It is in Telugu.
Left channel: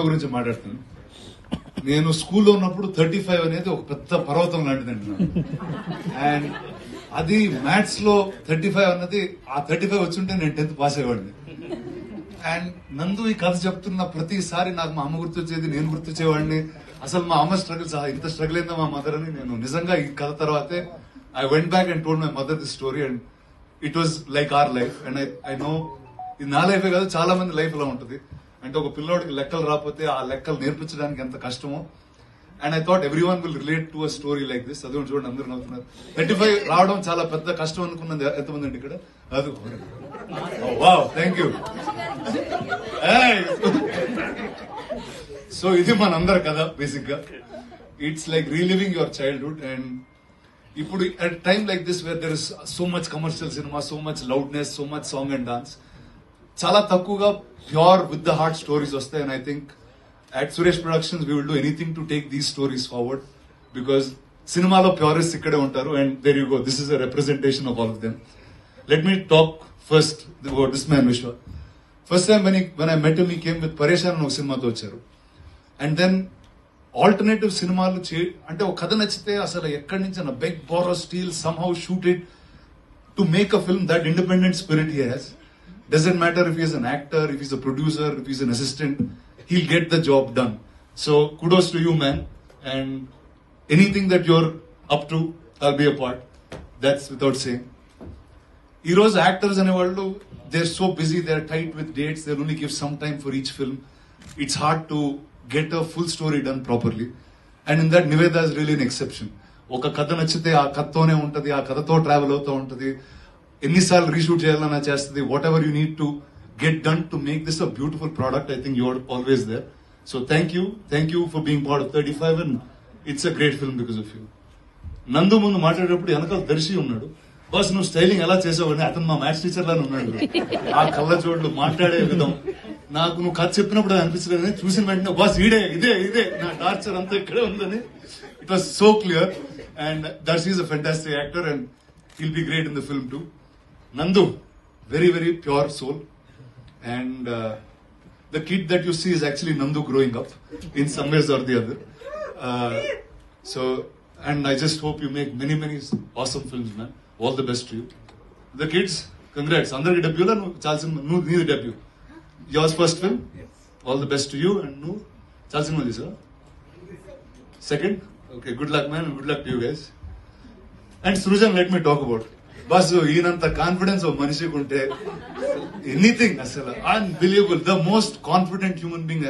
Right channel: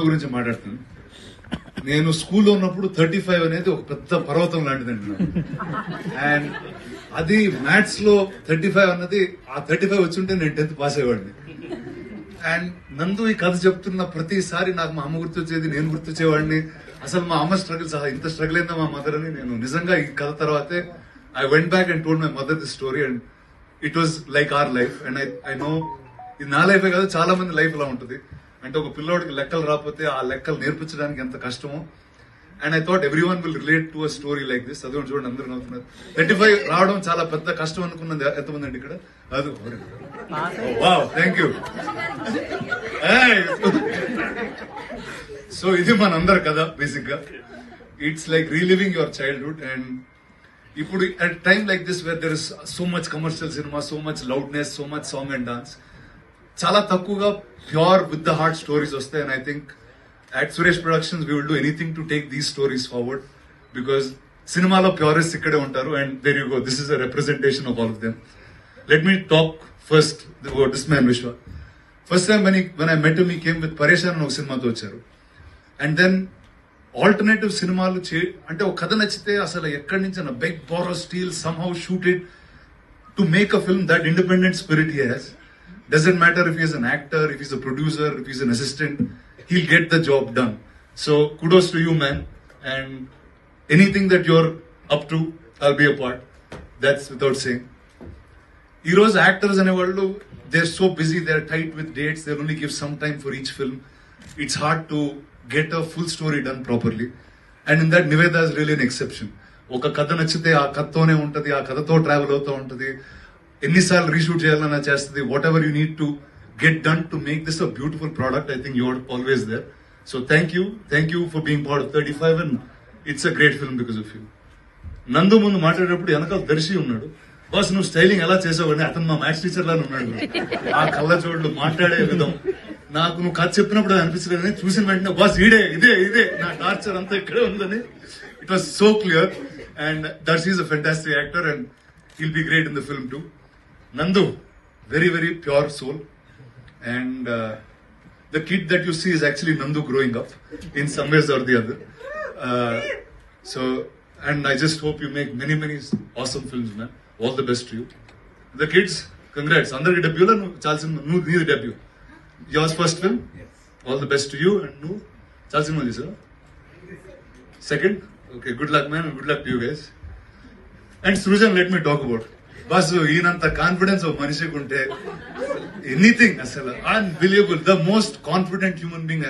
గురించి మాట్లాడుతాను. నేను స్కూల్లో ఉన్నప్పుడు 35 అనేది ఒక పెద్ద పర్వతం లాంటిదండి నాకు. అండ్ అది మ్యాథ్స్ లో 35 అన్నది ఆ 35 వచ్చుంటే నేను 10th పాస్ అయ్యేవాడిని. అండ్ నందు ఈ కథ చెప్తున్న ప్రతిసారి నాకు మా అమ్మ గుర్తొచ్చేది, నేను గుర్తొచ్చేవాడిని. అసలు మా అమ్మ స్ట్రగుల్ ఇంత స్ట్రగుల్ అయిందా మా మదర్ అని. నేను నిజంగా ఈ కథ తర్వాతే I went back and told my mother the story and it was like our life. And I know ఇది నా లైఫే కాదు, చాలా మంది లైఫ్ లా ఉంటుంది. అంటే ఒక పిల్లోడికి లెక్కలు రాకపోతే ఆ లెక్కలు నేర్పించడానికి ఎంత కష్టమో. And I thought every one will relate to a story like this. అదే చూడండి, అందరూ నవ్వుతున్నారు. 35 రావడం చాలా పెద్ద కష్టం అనుకున్నది ఎంతమంది అండి ఇక్కడ? అది వావ్, థ్యాంక్ యూ. సో ఇది మనందరి కదా బేసిక్ గా. It's like reliving your childhood. And ఇప్పుడు at time like this where there is so much commercial cinema, so much loudness, so much song and dance, చాలా తక్కువగా pure with the heart stories వస్తాయి. And I think at Suresh Productions we will do anything to take these stories forward, because సినిమాలో ప్యూరిస్ట్ ఇక్కడే ఉంటారు. And there you go, this is a representation of all of them. Let me talk first about this man Vishwa. First time when I met him, he came with Pareshan అని ఒక సినిమాతో వచ్చారు. అండ్ దెన్ ఆల్టర్నేటివ్ సినిమాలు అంటే ఒక కథ నచ్చితే అసలు ఎక్కడి నుంచి beg borrow steal somehow shoot it to make a film. That independent spirit he has. Doesn't matter if he's an actor, if he's a producer, if he's an assistant, he'll get the job done. So kudos to you, man. And anything that you're up to, I'll be a part. That's without saying. Heroes, actors and world, they're so busy, they're tight with dates, they'll only give some time for each film. It's hard to get a full story done properly. And in that, Niveda is really an exception. Oka katha nachite aa kathone untadi, aa kathato travel avutha untadi. ఎన్నిసార్లు రీషూట్ చేయాలన్నా చేస్తుంది. Whatever you need to get done to make this a beautiful product. I think you are always there. So thank you for being part of 35 and it's a great film because of you. Nandu ముందు మాట్లాడేటప్పుడు వెనకాల దర్శి ఉన్నాడు. బాస్ నువ్వు స్టైలింగ్ ఎలా చేసావని, అతను మా మ్యాథ్స్ టీచర్ లానే ఉన్నాడు. ఆ కళ్ళ చోట్లు మాట్లాడే విధం నాకు నువ్వు కథ చెప్పినప్పుడు అది అనిపించలేదని, చూసిన వెంటనే బాస్ ఇదే నా టార్చర్ అంతా ఇక్కడే ఉందని. It was so clear. And Darshi is a fantastic actor and he'll be great in the film too. Nandu, very, very pure soul. And the kid that you see is actually Nandu growing up in some ways or the other. And I just hope you make many, many awesome films, man. All the best to you. The kids, congrats. Andarki debut la nu needi debut. Yours first film? Yes. All the best to you. And nu chalsinma disa. Second? Okay, good luck, man. Good luck to you guys. And Srujan, let me talk about. Boss, ఈయనంత కాన్ఫిడెన్స్ ఒక మనిషికి ఉంటే ఎనీథింగ్ అసలు unbelievable. The most confident human being